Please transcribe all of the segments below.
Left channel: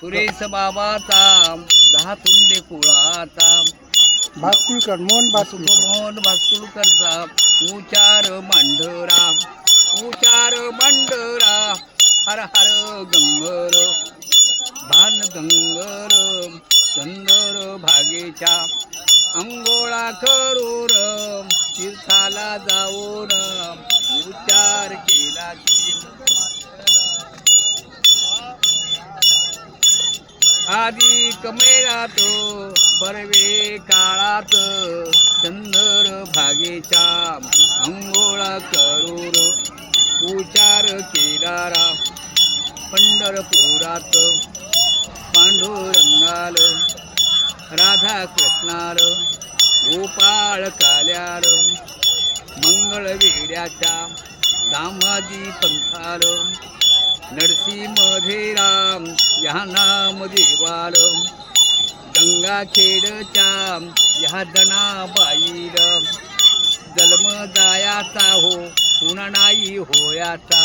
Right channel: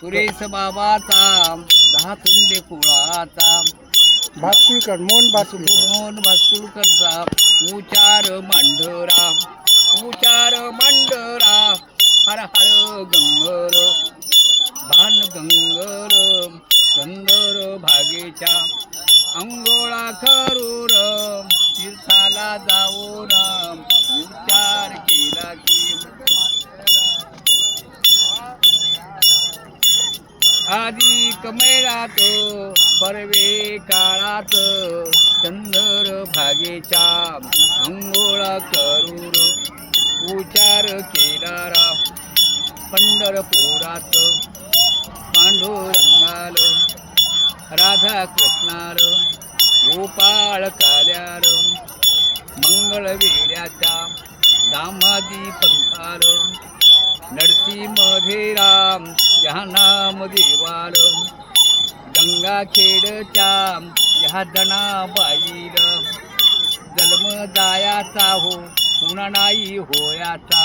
सुरेश बाबाचा 10 तुंडे कुळाचा भातकुलकर मोहन भातकुलकर मोहन भास्कुलकरचा उचार मांडरा हर हर ginger भान ginger Chandar भागेच्या अंघोळा Karur तीर्थाला जाऊन उच्चार केला की अधिक मैळात परवे काळात चंदर भागेच्या अंघोळ करूर उचार केला रा पंढरपुरात पांडुरंगाल राधा कृष्णाल गोपाळ काल्याल मंगळ वेड्याच्या दामाजी पंथाल नरसिंह या नाम देवाल गंगाखेडच्या या जनाबाईल जन्म जायाचा हो पुन्हा नाही होयाचा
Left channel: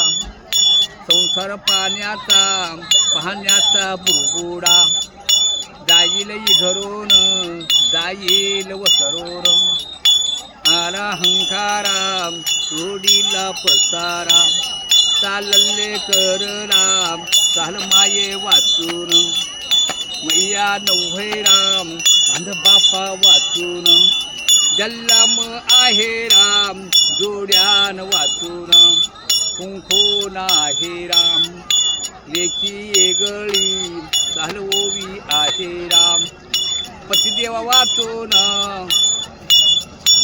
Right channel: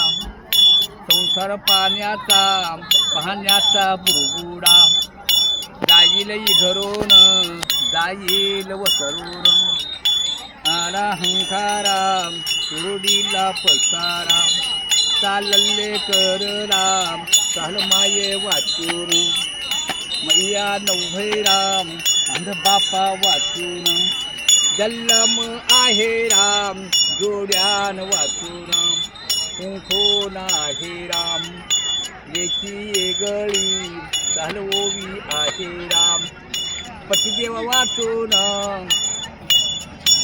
संसार पाहण्याचा बुरबुडा जाईल घरून जाईल वसरून आला हंकारा सुरडीला पसारा चालले कर राम चाल माये वाचून मैया नव्हे राम अंध बापा वाचून जल्लम आहे राम जोड्यान वाचून कुंखो नाही राम एकी येगळी चालवोवी आहे राम पतिदेवा वाचून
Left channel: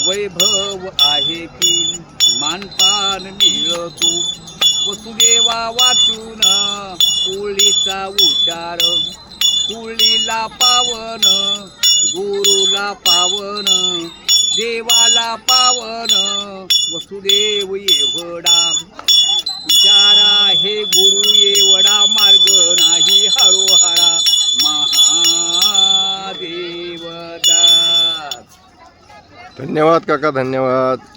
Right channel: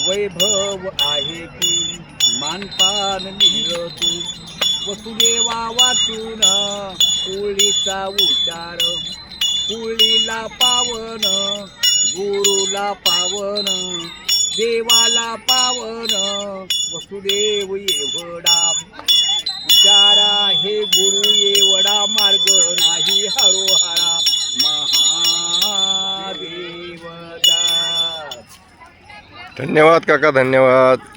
वैभव आहे की मानपान मिळतो वसुदेवा वाचून कुळीचा उच्चार कुळीला पावन गुरुला पावन देवाला पावन वसुदेव एवढा उच्चारा हे गुरु एवढा मार्ग नाही हरोहरा महादेव दास. धन्यवाद काका, धन्यवाद.